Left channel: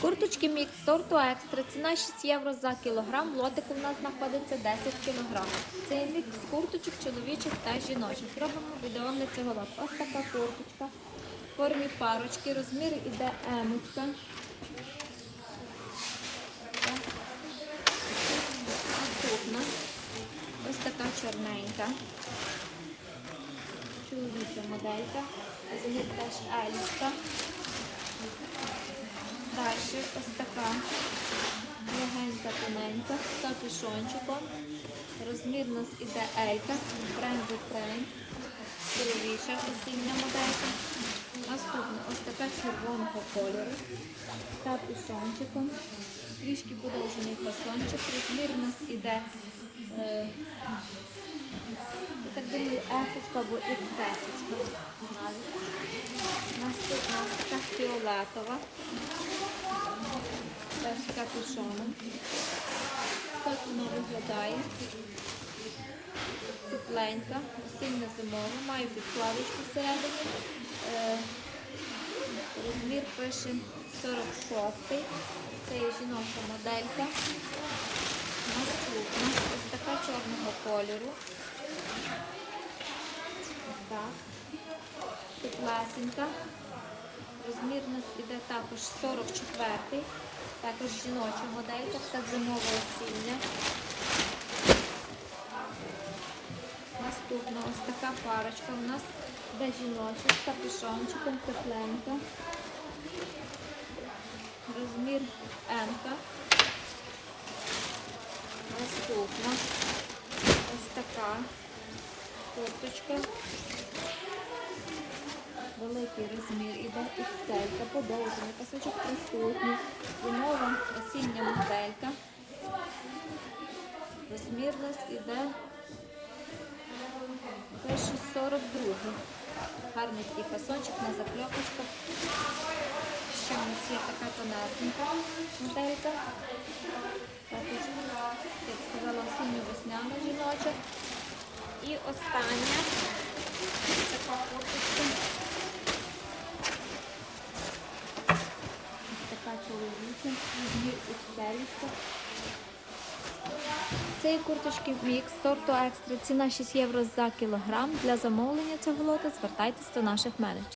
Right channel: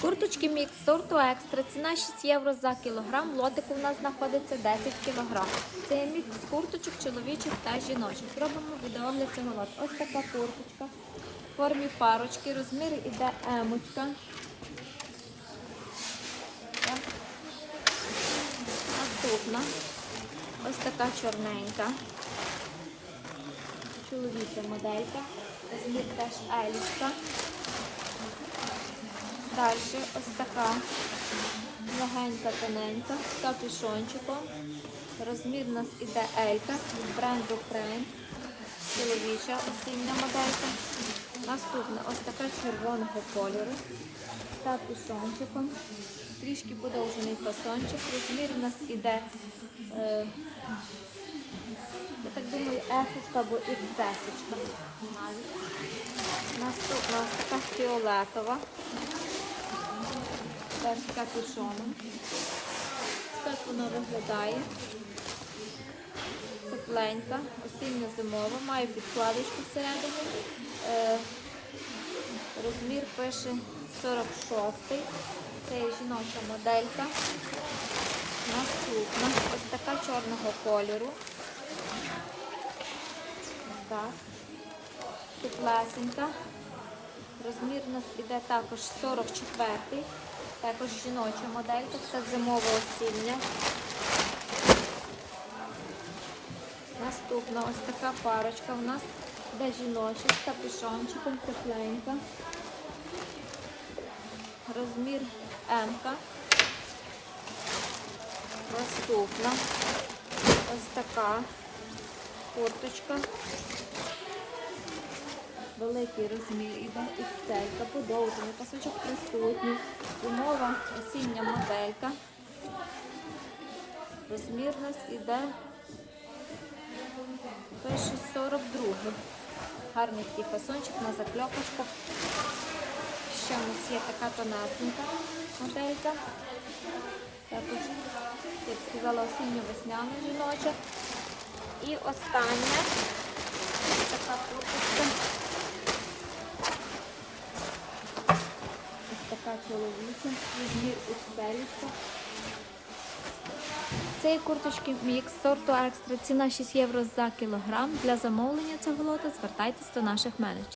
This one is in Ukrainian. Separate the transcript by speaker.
Speaker 1: Курточки мікс сорту екстра. Ціна 6 євро за кілограм. Лотик у нас знаходиться 10 кілограм. Це мікс курточок чоловічих та жіночих. Робимо відеогляд цього лоту. Ось така курточка. В формі парочки. Розмір іде емочка. Наступна. Ось така чорненька. Чоловіча моделька. Розмір теж елічка. Далі ось така легенька тоненька з капюшончиком. Розмір у нас іде Елька бренду Фрейм. Чоловіча осіння моделька. Наступна ось така червоного кольору з капюшончиком. Трішки подовжений фасончик. Розмір у нас іде, е, я так думаю, ефочка або іксесочка. Наступна ось така фіолетова. З капюшоном. Так вона виглядає. Тепленька, осінньо-зимова, має підкладочку всередині. Е, розмір пише 46 Це є жіноча моделька. Наступна ось така чорного кольору. Так. Теплесенька. Розмір у нас іде також 44-й, також жіноча моделька, така зимова осіння. Наступна ось така парочка у нас іде жіноча з капюшончиком, тепленька. Розмір М. Наступна ось така курточка. Великий розмір іде XL, подовжений, пасочок присутній, зимова осіння моделька. Розмір нас іде пише 42. Гарний такий фасончик на закльопочках. Ще у нас є така тонесенька моделька. Також, як сказала, осінньо-весняна жіноча. І остання така курточка. Ось така чоловіча, розмір ікселічка. Цієї курточки мікс сорту екстра. Ціна 6 євро за кілограм. Для замовлення цього лота звертайтесь до наших менеджерів.